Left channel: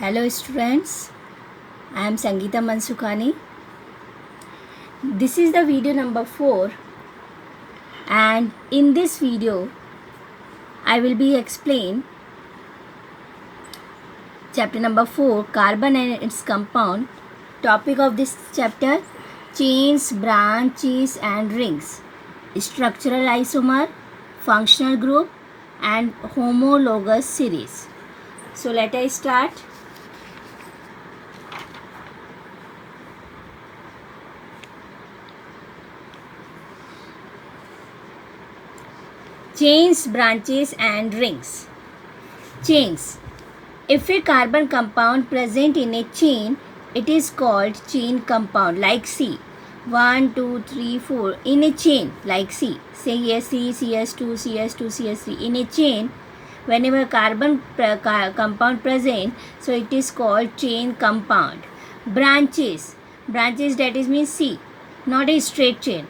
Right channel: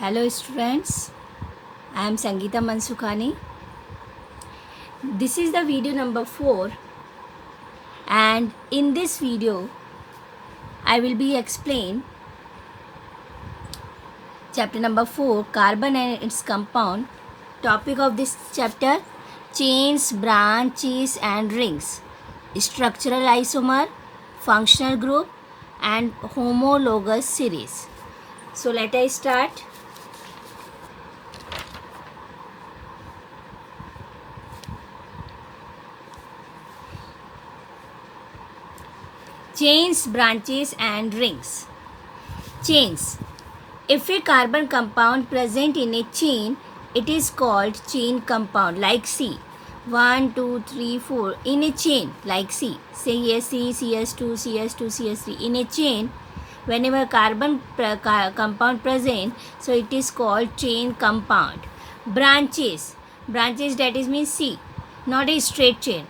Hello students, I am Sangeeta Mansukhani. This is the video number 4 and in this video I will be explain chapter number 4 carbon and its compound. Topic of this chapter chains, branches and rings, structural isomer, functional group and homologous series. So let us start. Chains, branches and rings. Chains. If a carbon compound present in a chain, it is called chain compound like C. 1, 2, 3, 4 in a chain like C. Say CSC, CS2, CS2, CS3 in a chain. Whenever carbon compound present, so it is called chain compound. Branches. Branches that is means C, not a straight chain.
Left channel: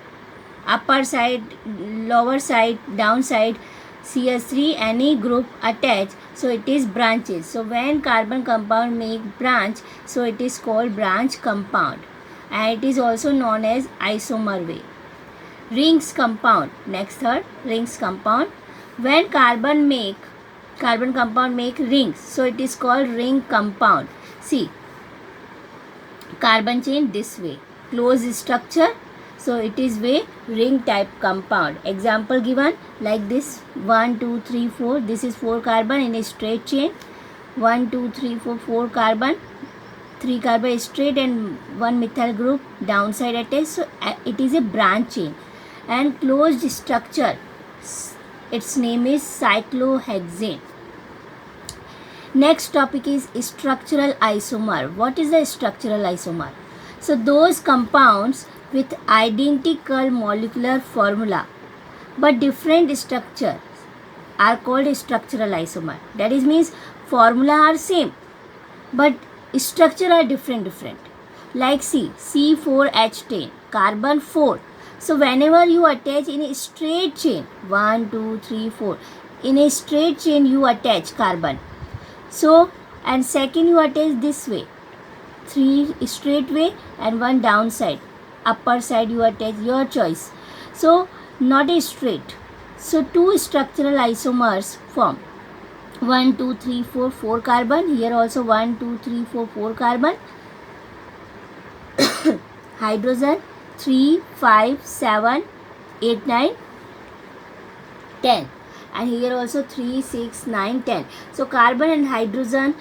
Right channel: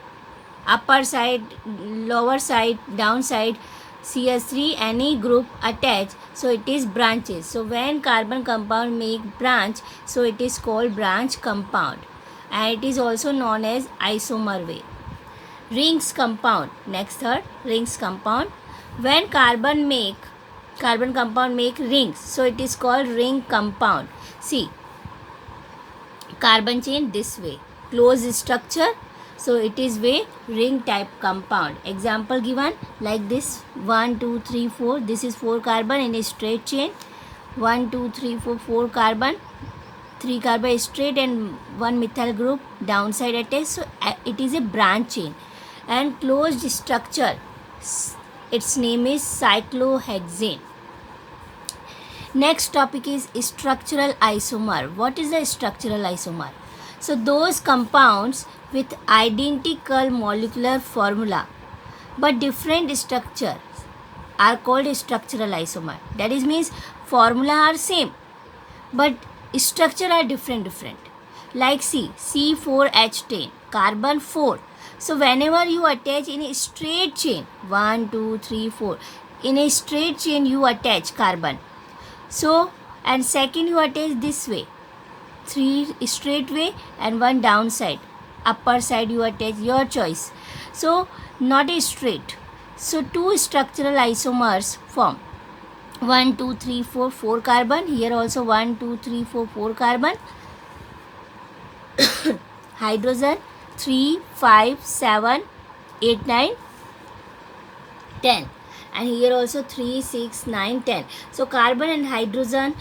Upper side, lower side, down side, CS3 any group attached, so it is branches. So when carbon compound make branch, so it is called branch compound and it is also known as isomer way. Rings compound. Next third, rings compound. When carbon compound make rings, so it is called ring compound. See, carbon chain this way, closed structure, so it is way ring type compound. Example given like this 1, 2, 3, 4. This is 4 carbon in a straight chain. 1, 2, 3, 4, 4 carbon. 3 carbon is straight and 1 methyl group downside attached. So it is a branch chain and closed structure. Its name is cyclohexane. Next topic is structural isomer. What is a structural isomer? So those compounds with identical molecular formula but different structure are called structural isomer. That is means formula are same but structure are different. Like C4H10 carbon 4. So whenever you attach in a straight chain 1, 2, 3, 4 in a straight chain you attach carbon. So and second you attach this way, 3 straight way and 1 downside. Upper side you attach your choice. So not a straight. So 2 structural isomers form 1, 2, 3, 4, 4 carbon. Here also 1, 2, 3, 4, 4 carbon. Hydrogen 3, 5, 7, 8, 9, 10. And here also 3, 6, 9, 10. So carbon and hydrogen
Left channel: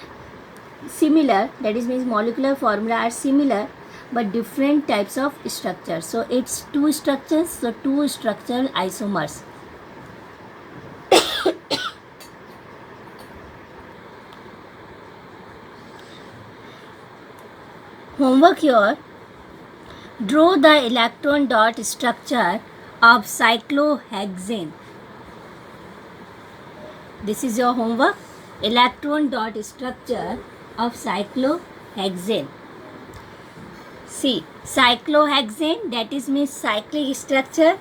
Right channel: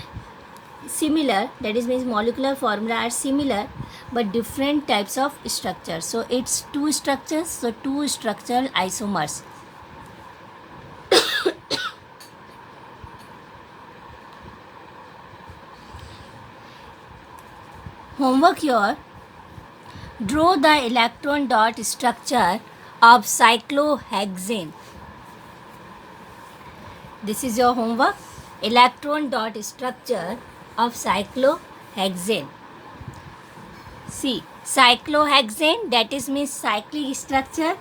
similar, that is means molecular formula are similar but different types of structures. So it's 2 structures, so 2 structural isomers. Homework here. Draw the electron dot structure of cyclohexane. This is your homework. Electron dot structure of cyclohexane. See, cyclohexane, that is means cyclic structure.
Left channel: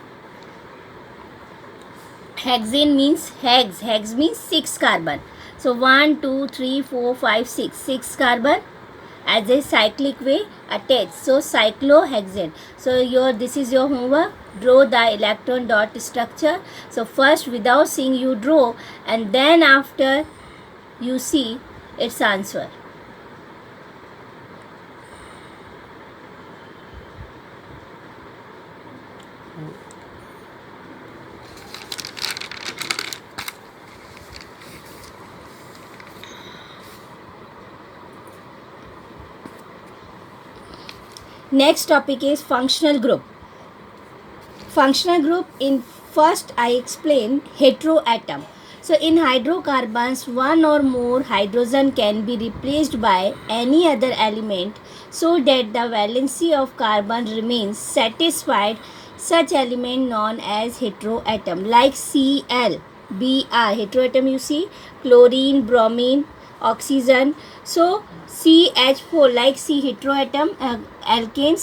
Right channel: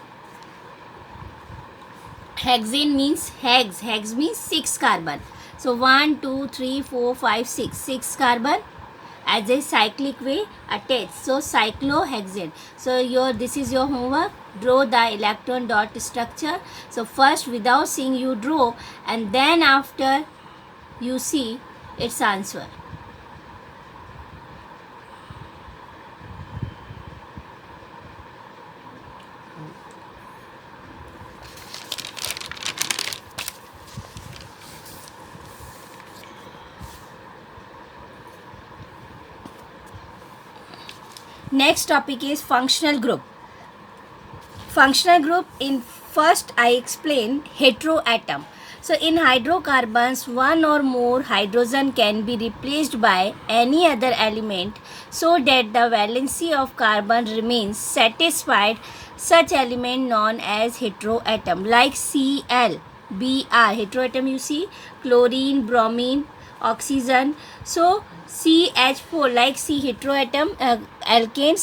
Hexane means hex. Hex means 6 carbon. So 1, 2, 3, 4, 5, 6. 6 carbon as a cyclic way attached. So cyclohexane. So this is your homework. Draw the electron dot structure. So first without seeing you draw and then after you see its answer. Next topic is functional group. Functional group, in first I explain heteroatom. So in hydrocarbons, one or more hydrogen can be replaced by any other element so that the valency of carbon remains satisfied. Such element known as heteroatom like Cl, Br, heteroatom you see, chlorine, bromine, oxygen. So CH4 like C heteroatom, alkane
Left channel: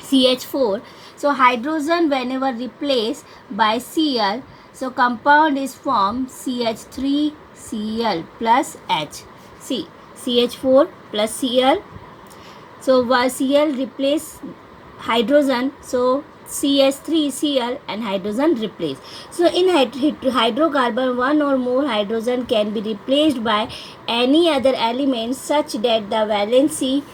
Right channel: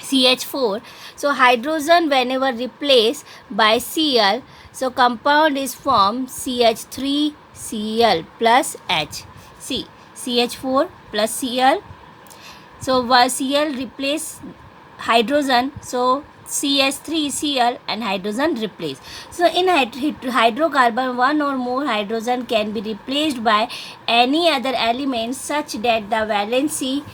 CH4. So hydrogen whenever replaced by Cl, so compound is formed CH3 Cl plus H. See, CH4 plus Cl. So Cl replace hydrogen, so CH3Cl and hydrogen replace. So in hydrocarbon, one or more hydrogen can be replaced by any other element such that the valency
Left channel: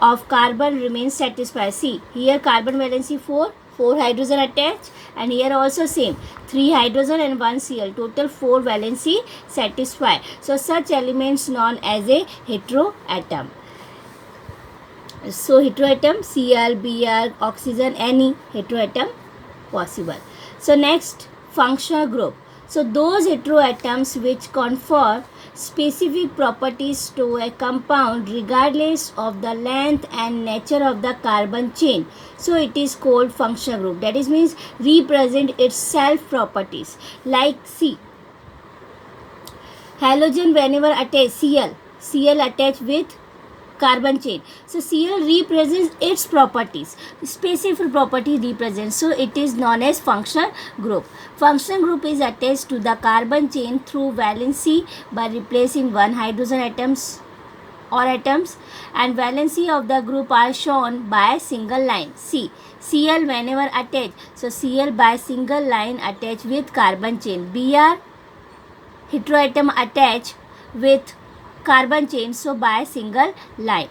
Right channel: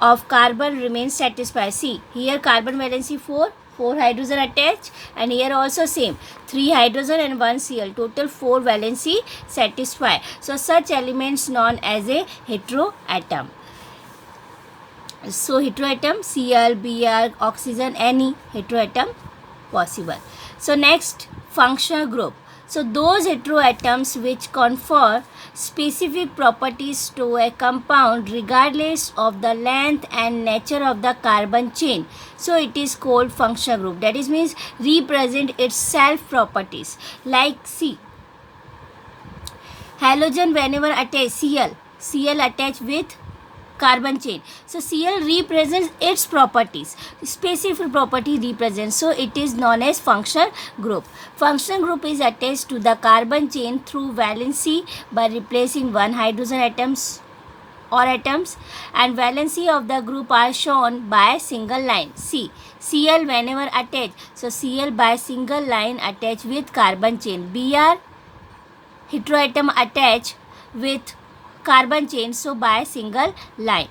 of carbon remains satisfied. See, here carbon valency 4 hydrogen attached, and here also same, 3 hydrogen and 1 Cl, total 4 valency satisfied. So such elements known as a heteroatom. So heteroatom, Cl, Br, oxygen, any heteroatom possible. So next, functional group. So those heteroatoms which confer specific properties to a compound regardless of the length and nature of the carbon chain. So it is called functional group. That is means represent its self properties. Like C, halogen whenever attached, Cl attached with carbon chain. So Cl represents its properties, specific property represents. So it is known as functional group. Functional group is attached to the carbon chain through valency by replacing one hydrogen atoms, and valency of the group are shown by a single line. See, Cl whenever attached, so Cl by single line attached with carbon chain. Br heteroatom attached with carbon chain, so by single line.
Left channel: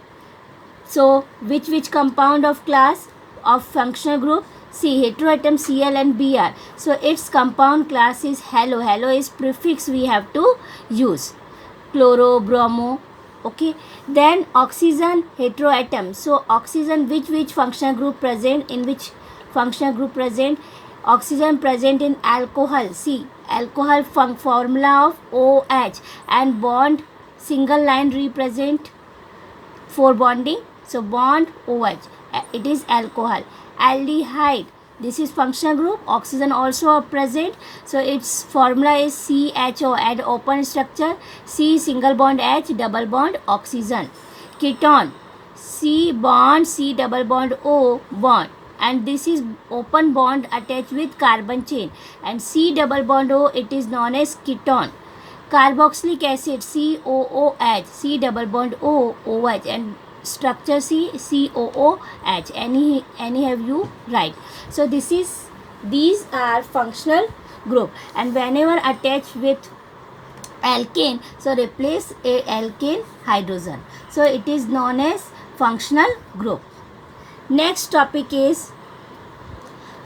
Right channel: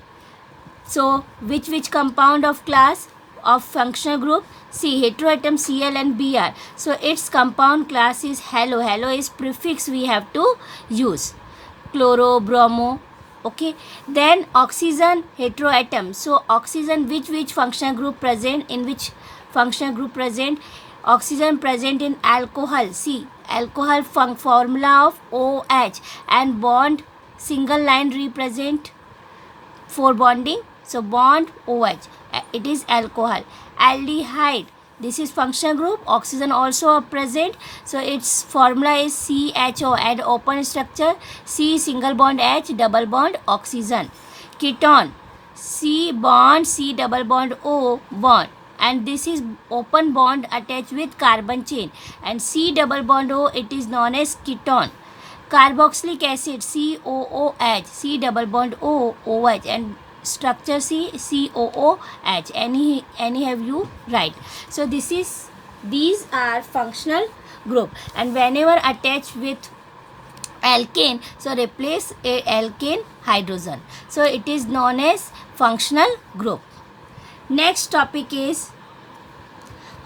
So which compound of class of functional group? See, heteroatom Cl and Br. So its compound class is halo. Halo is prefix we have to use. Chloro, bromo. Okay. Then oxygen heteroatom. So oxygen which functional group present? In which functional group present? Oxygen present in alcohol. See, alcohol formula of OH, and bond single line represent for bonding, so bond OH, it is alcohol. Aldehyde, this is functional group, oxygen also present, so its formula is CHO, and open structure, C single bond H, double bond oxygen. Ketone, C bond C double bond O bond, and this is open bond attached with carbon chain, and C double bond O, it is known as ketone. Carboxylic acid, COOH, C double bond O, OH, and structure C, COOH. Any have you right. So these are functional group, and whenever attached with alkane, so replace a alkane hydrogen. So it is known as functional group. Next topic is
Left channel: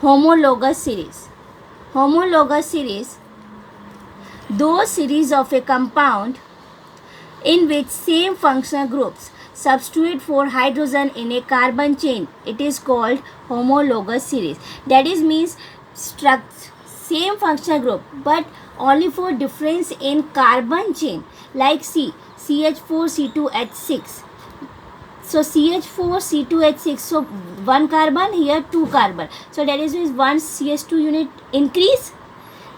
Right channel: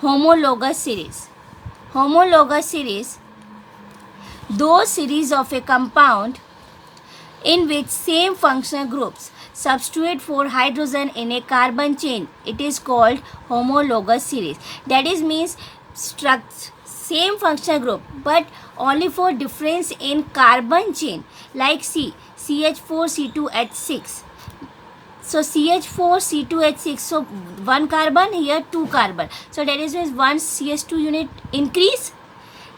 homologous series. Homologous series, those series of a compound in which same functional groups substitute for hydrogen in a carbon chain, it is called homologous series. That is means same functional group but only for difference in carbon chain, like C, CH4C2H6. So CH4C2H6, so one carbon, here two carbon, so that is means one CH2 unit increase,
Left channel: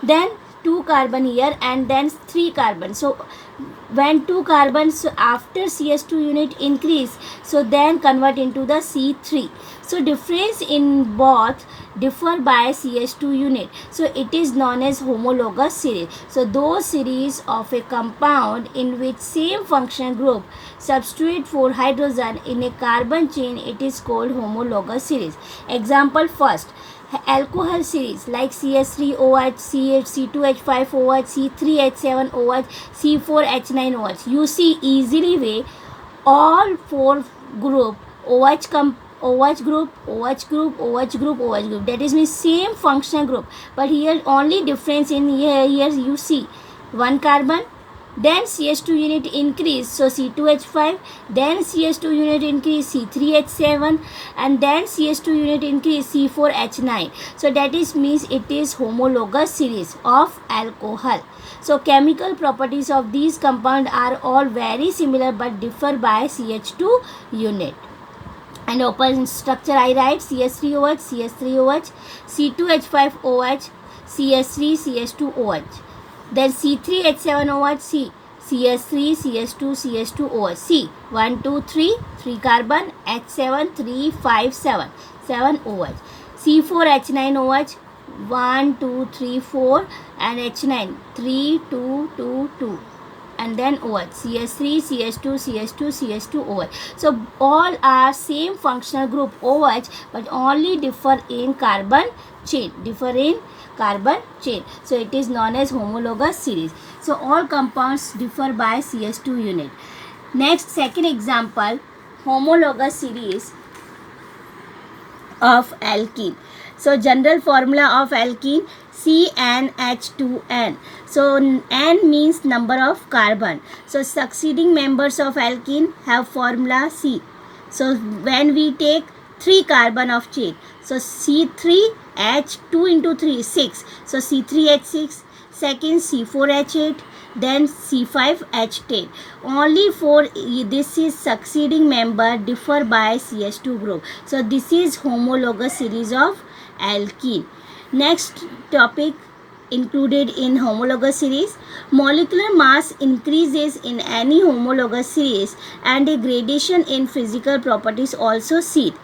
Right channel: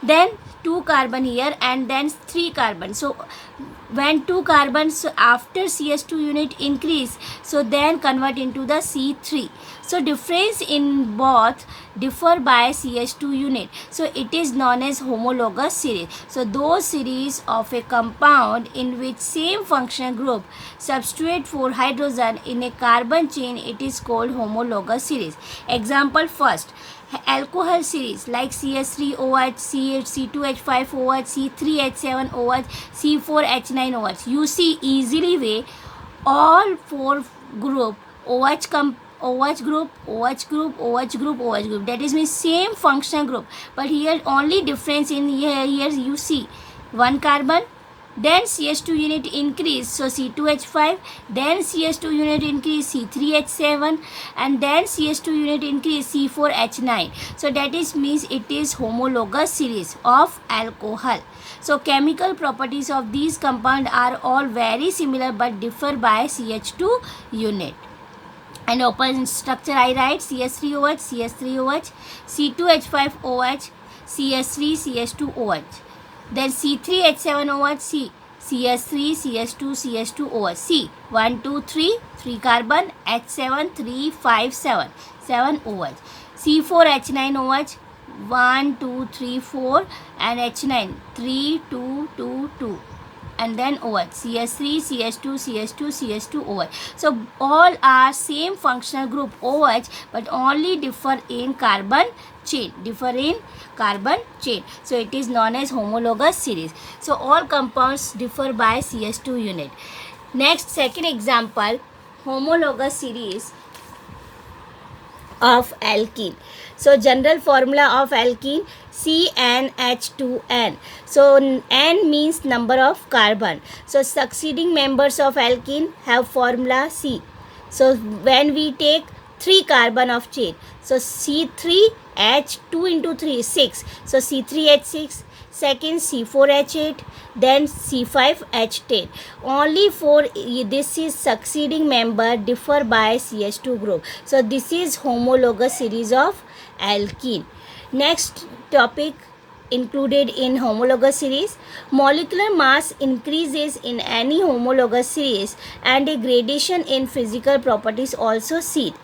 then 2 carbon here, and then 3 carbon. So when 2 carbons after CH2 unit increase, so then convert into the C3. So difference in both differ by CH2 unit. So it is known as homologous series. So those series of a compound in which same functional group substitute for hydrogen in a carbon chain, it is called homologous series. Example first, alcohol series like CH3OH, C2H5OH, C3H7OH, C4H9OH. You see easily way all 4 group OH group, OH group, OH group, OH group. That is means same functional group, but here only difference in here you see one carbon, then CH2 unit increase, so C2H5, then CH2 unit increase, C3H7, and then CH2 unit increase, C4H9. So that is means it is homologous series of alcohol. So chemical properties of these compounds are all very similar but differ by CH2 unit. And open structure I write CH3OH, CH3OH, C2H5OH, CH3, CH2OH. Then C3H7OH, C, CH3, CH2, CH2OH. C, 1, 2, 3, 3 carbon, H7, 3, 5, 7, 7 OH. C4H9OH, 1, 2, 3, 4, and H9, 3, 2, 2, 2. and then OH, CH3, CH2, CH2, CH2, OH. So all are same functional group OH, but only differ in carbon chain, so it is known as homologous series. So all compounds differ by CH2 unit. Next, second example, homologous series of alkene. So general formula of alkene, CnH2n. So n means number of carbon. So succeeding members of alkene have formula C. So when we take 3 carbon of chain, so C3H2 into 3 is 6. So C3H6, second C4H8, then C5H10. Only for this is succeeding member differ by CH2 group. So this is homologous series of alkene. Next topic included in homologous series, molecular mass increases in any homologous series and a gradation in physical properties also seen.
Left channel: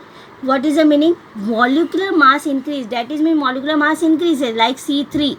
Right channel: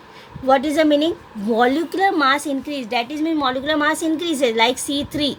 What is the meaning? Molecular mass increase, that is mean molecular mass increases like C3,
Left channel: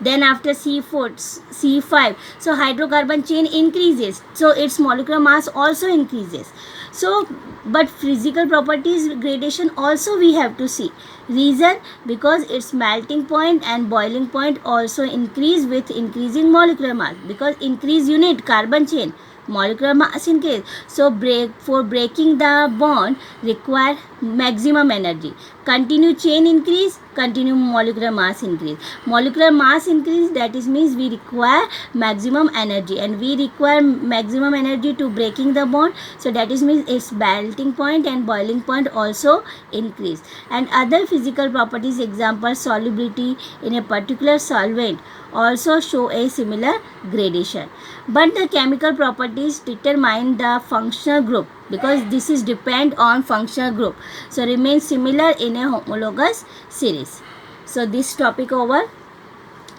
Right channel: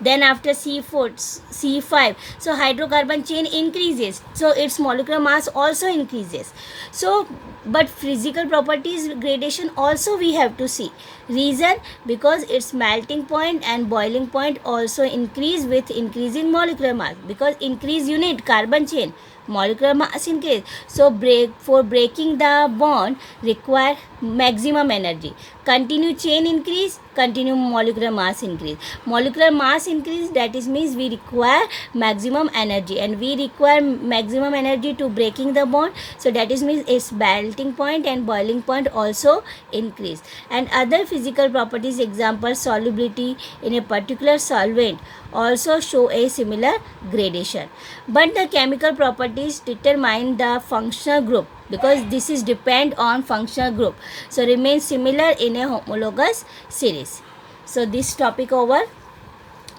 then after C4, C5, so hydrocarbon chain increases, so its molecular mass also increases. So but physical properties gradation also we have to see. Reason? Because its melting point and boiling point also increase with increasing molecular mass, because increase unit carbon chain, molecular mass increase. So for breaking the bond require maximum energy. Continue chain increase, continue molecular mass increase. Molecular mass increase, that is means we require maximum energy, and we require maximum energy to breaking the bond. So that is means its melting point and boiling point also increase. And other physical properties, example solubility in a particular solvent, also show a similar gradation. But the chemical properties determine the functional group, because this is depend on functional group, so remain similar in a homologous series. So this topic over.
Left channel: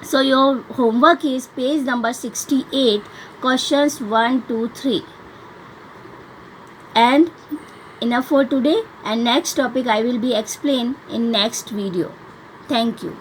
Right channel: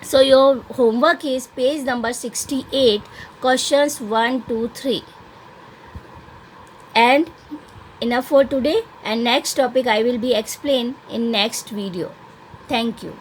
So your homework is page number 68, questions 1, 2, 3. And enough for today, and next topic I will be explain in next video. Thank you.